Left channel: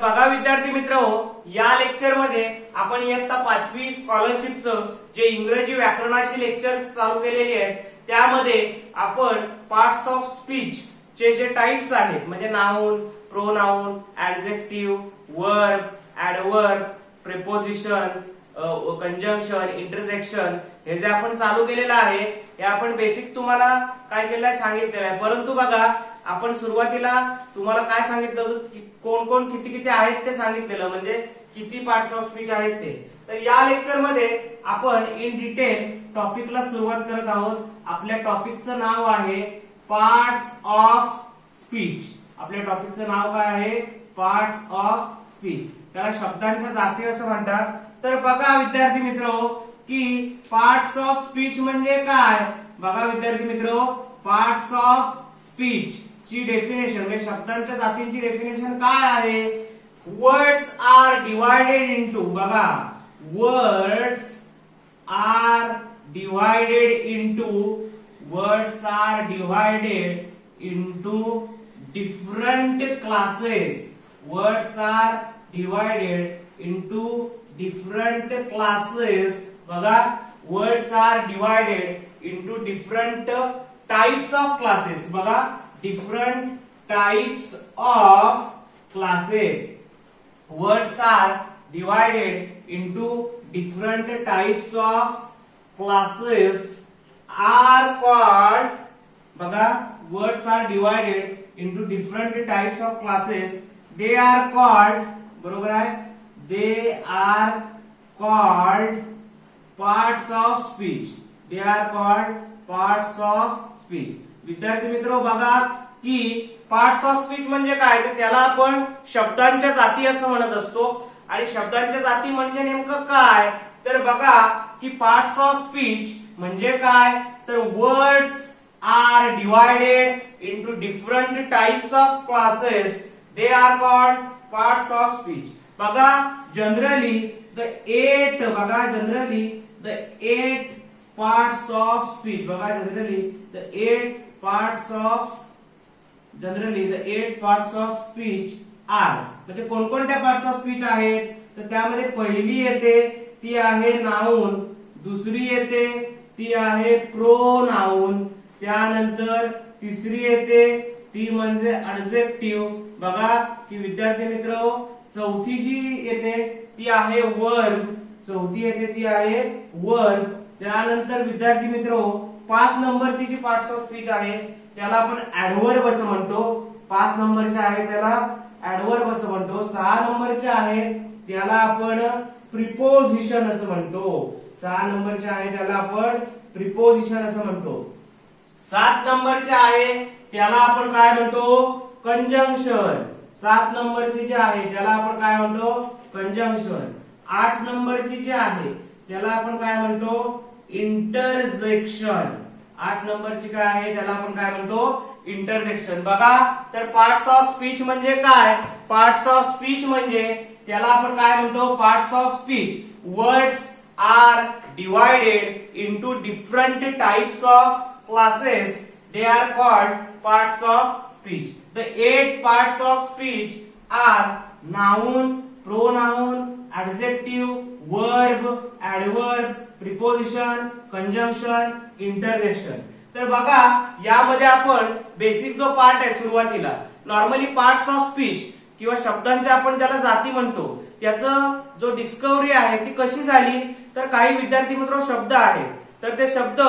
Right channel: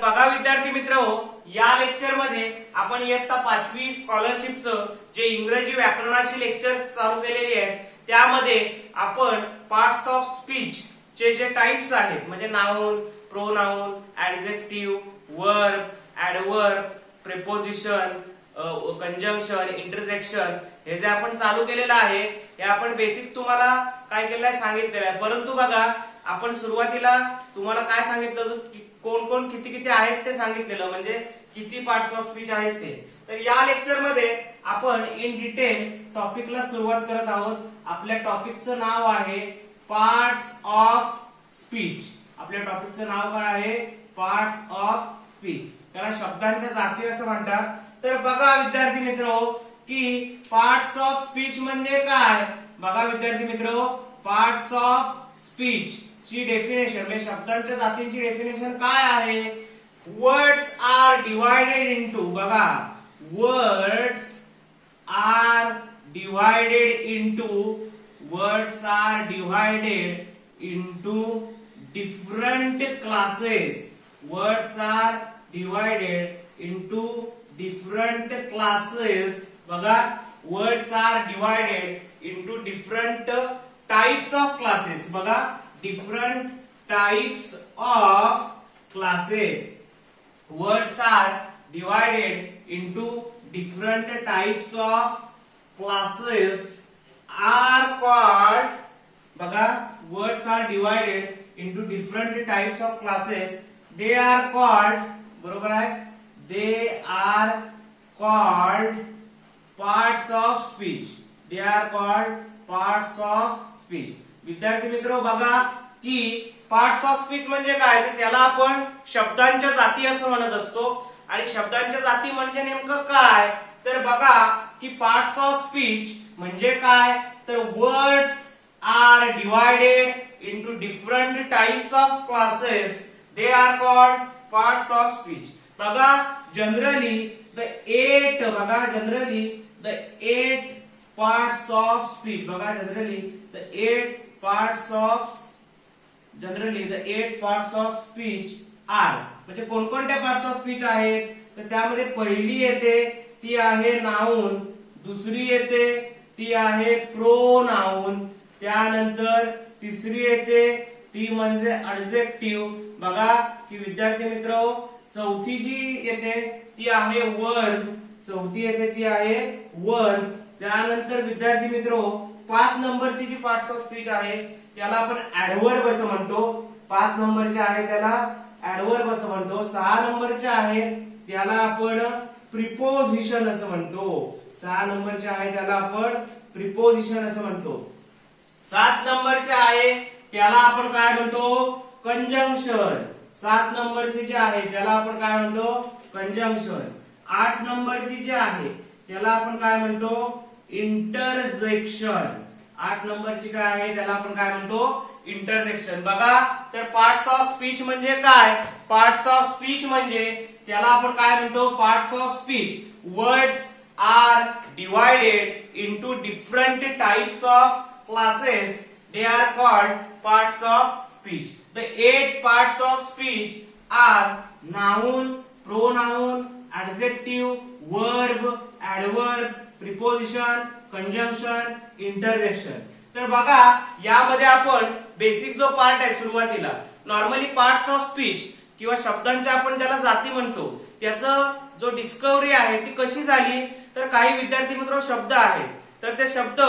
बघा विद्यार्थी मित्रहो, या लेक्चर मध्ये आपण इयत्ता 5वी स्कॉलरशिपचं जे इंग्रजी व्याकरणाची लेक्चर्स चालू केलेली आहेत त्यामध्ये आपण पार्ट्स ऑफ स्पीच चे जे टाइप्स आहेत म्हणजे noun, pronoun, adjective, verb, adverb, preposition, conjunction, interjection हे जे आपण चालू केलेलं आहे हे आपण बेसिक तुम्हाला काय केलं आहे सांगितलेलं आहे। परंतु बघा आपण सुरुवातीला तुम्हाला काय सांगितलं की कोण कोण किती किती आहेत ते सांगितलेलं म्हणजे किती पार्ट्स ऑफ स्पीच आहेत ते। तर या लेक्चर मध्ये आपण इन डिटेल टॉपिकला सुरुवात करत आहोत। आपल्या टॉपिकचं नाव आहे पार्ट्स ऑफ स्पीच। आपल्या टॉपिकचं नाव काय आहे? Parts of speech. त्याला शब्दांच्या जाती असं म्हणतात। तर बघा विद्यार्थी मित्रो की पार्ट्स ऑफ स्पीच म्हणजे काय? बघा विद्यार्थी मित्रो, पार्ट्स ऑफ स्पीच ची डेफिनेशन म्हणजे शब्दांच्या जातींची डेफिनेशन काय आहे? वर्ड्स आर डिवायडेड इनटू, बघा words are divided into different classes. Words are divided into different classes. बघा words are divided into different types of classes. बघा different types of classes. Words are divided into different types of classes are called, बघा words are divided into different types of classes, they are called, बरोबर आहे, they are called parts of speech. They are called parts of speech. विद्यार्थी मित्रो बघा की parts of speech म्हणजे काय तर त्याला आपण शब्दांच्या जाती असं म्हणत असतो। आणि शब्दांच्या जाती म्हणजे नेमकं काय तर बघा की पार्ट्स ऑफ स्पीच म्हणजे काय तर words are divided into different types of classes, they are called parts of speech. बघा generally the 8 parts of speech, बघा generally the 8 parts of speech are, म्हणजे कोणकोणत्या पार्ट्स ऑफ स्पीच आहेत तर त्यामध्ये पहिली येते ती आहे नाउन, दुसरी येते ती आहे प्रोनाउन, त्यानंतर तिसरी येते ती म्हणजे ऍडजेक्टिव्ह। बघा की विद्यार्थी मित्र चौथी जी येते ती आहे वर्ब, त्यानंतर विद्यार्थी मित्रो 5 नंबरची जी पार्ट्स ऑफ स्पीच आहे त्याला आपण ऍडवर्ब असं म्हणतो। 5 नंबरचे आहे त्याला ऍडवर्ब असं म्हणतो। 6 नंबरचे आहे त्याला आपण प्रिपोजिशन असं म्हणतो। 6 नंबरचे आहे त्याला आपण प्रिपोजिशन असं म्हणतो। 7 नंबरचे आहे त्याला आपण काय म्हणतो कंजंक्शन। 7 नंबरची जी आहे त्याला आपण काय म्हणतो कंजंक्शन। 8 नंबरची जी आहे त्याला आपण काय म्हणतो इंटरजेक्शन। 8 नंबरची काय आहे त्याला आपण काय म्हणतो इंटरजेक्शन। बघा तर पार्ट्स ऑफ स्पीच म्हणजे काय? पार्ट्स ऑफ स्पीच म्हणजे त्याला आपण काय म्हणतो parts of speech words are divided into different types of classes, they are called parts of speech. The 8 parts of speech are noun, pronoun, adjective, verb, adverb, preposition, conjunction, interjection। तर बघा यामध्ये आपण basic जो part आहे सुरुवातीला normally parts of speech किंवा शब्दांच्या आपण ज्याला जाती म्हणतो त्याचं जो डिस्कवरी आहे ती कशी झाली तर काही विद्यार्थी मित्र शब्द आहेत तर ते शब्द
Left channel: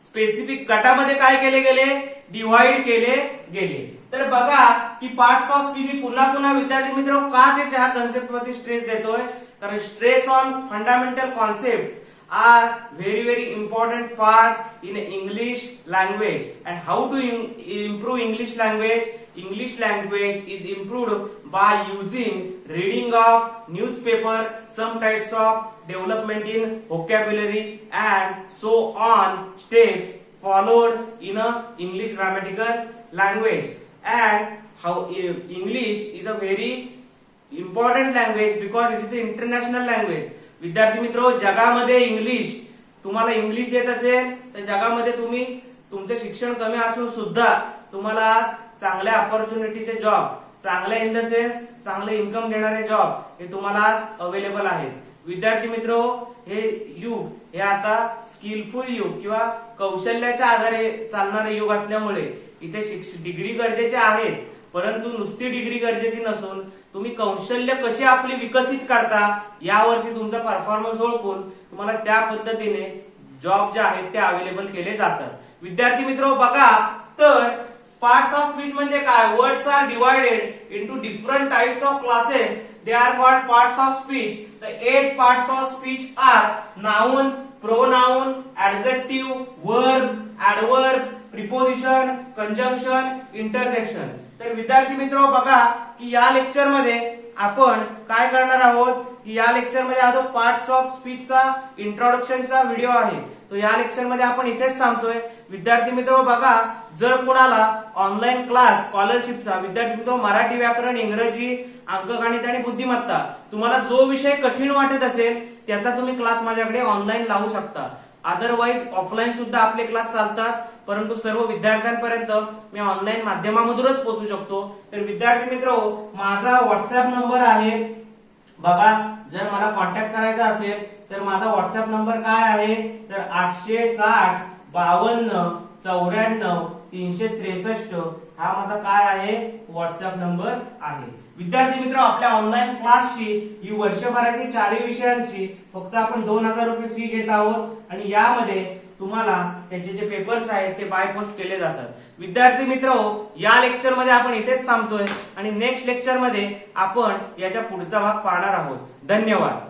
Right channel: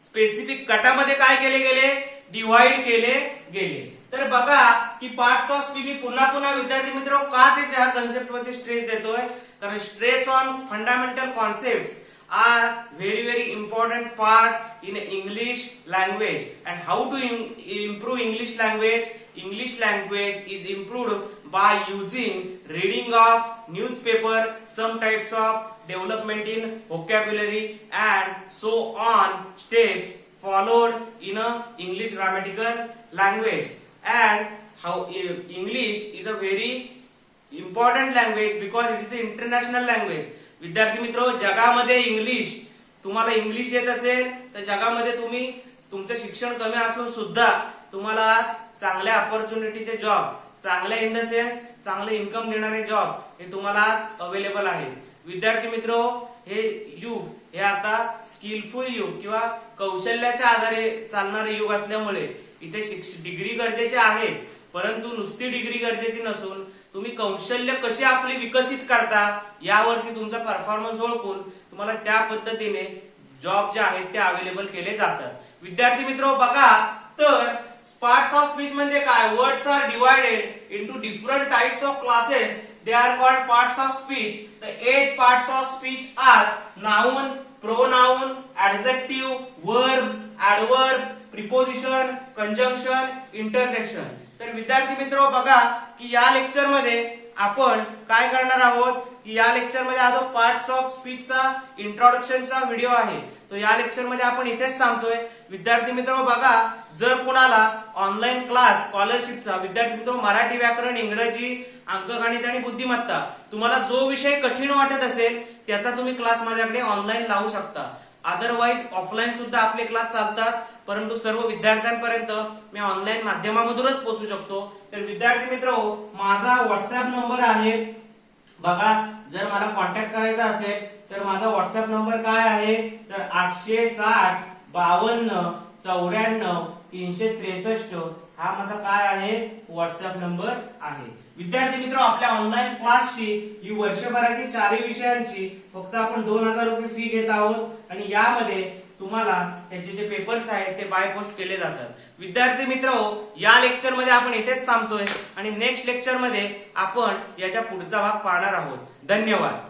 स्पेसिफिक गटामध्ये काय केले गेले डिवाइड केले गेले। तर बघा की पार्ट्स ऑफ स्पीच मी पुन्हा पुन्हा विद्यार्थी मित्र का ते त्या कन्सेप्ट वरती स्ट्रेस देतोय कारण stress on fundamental concepts are very important part in English language। and how to improve English language? English language is improved by using reading of newspaper, some types of development in vocabulary and so on steps followed in a English grammatical language। and how English is a very important language because it is an international language। विद्यार्थी मित्रो जगामध्ये English तुम्हाला English येत असेल तर जगामध्ये तुम्ही तुमचे शिक्षण कमी असून सुद्धा तुम्हाला आज चांगल्या अपॉर्च्युनिटीचे जॉब चांगले इन द सेन्स चांगले इन्कम देणारे जॉब हे तुम्हाला आज अवेलेबल आहेत. विद्यार्थी मित्रो, हे युग हे आता स्किलफुल युग किंवा कौशल्याच्या आधारे चालणारे युग असल्यामुळे इथे डिग्री गरजेची आहेच, परंतु नुसती डिग्री गरजेची नसून तुम्ही कौशल्य कशी आपली विकसित करता यावरती तुमचा परफॉर्मन्स ओळखून तुम्हाला त्या पद्धतीने जॉब जे आहेत ते अवेलेबल केले जातात. विद्यार्थी मित्रो बघा, तर पार्ट्स ऑफ स्पीच म्हणजे काय? Words are divided into different types of classes. They are called parts of speech. The 8 parts of speech are noun, pronoun, adjective, verb, adverb, preposition, conjunction, interjection. तर विद्यार्थी मित्रो बघा की या लेक्चर मध्ये आपण काय करणार आहोत की या लेक्चर मध्ये हा जो पार्ट्स ऑफ स्पीचचा इंट्रोडक्शनचा व्हिडिओ आहे तो या लेक्चर मध्ये आपण इथेच सांगतोय. विद्यार्थी मित्रो बघा, जर कुणाला ऑनलाईन क्लास स्कॉलरशिपचा विद्यार्थी मित्रो मराठी व्याकरण, इंग्रजी, अंकगणित आणि बुद्धिमत्ता तुम्हाला जो विषय कठीण वाटत असेल त्याचा तुम्ही क्लास माझ्याकडे ऑनलाईन लावू शकता. अदरवाईज ऑफलाईन सुद्धा आपले क्लास चालतात, परंतु सर्व विद्यार्थ्यांपर्यंत मी ऑनलाईन माध्यमामधूनच पोहोचू शकतो. तर विद्यार्थी मित्रो, माझा व्हॉट्सअप नंबर आहे बघा, जर मला कॉन्टॅक्ट करायचा असेल तर माझा व्हॉट्सअप नंबर काय आहे तर 860 52 94 363 हा माझा काय आहे व्हॉट्सअप नंबर आहे. विद्यार्थी मित्र, आपल्या ऑनलाईन क्लासची ही वर्षभराची 4 विषयांची फक्त आपण 2000 रुपये फी घेत आहोत आणि यामध्ये तुम्हाला त्याचे जे पेपर्स आहेत ते बाय पोस्ट केले जातात. विद्यार्थी मित्र, या लेक्चर मध्ये आपण इथेच थांबतोय आणि नेक्स्ट लेक्चर मध्ये आपण याच्या पुढचा भाग पाहणार आहोत. धन्यवाद.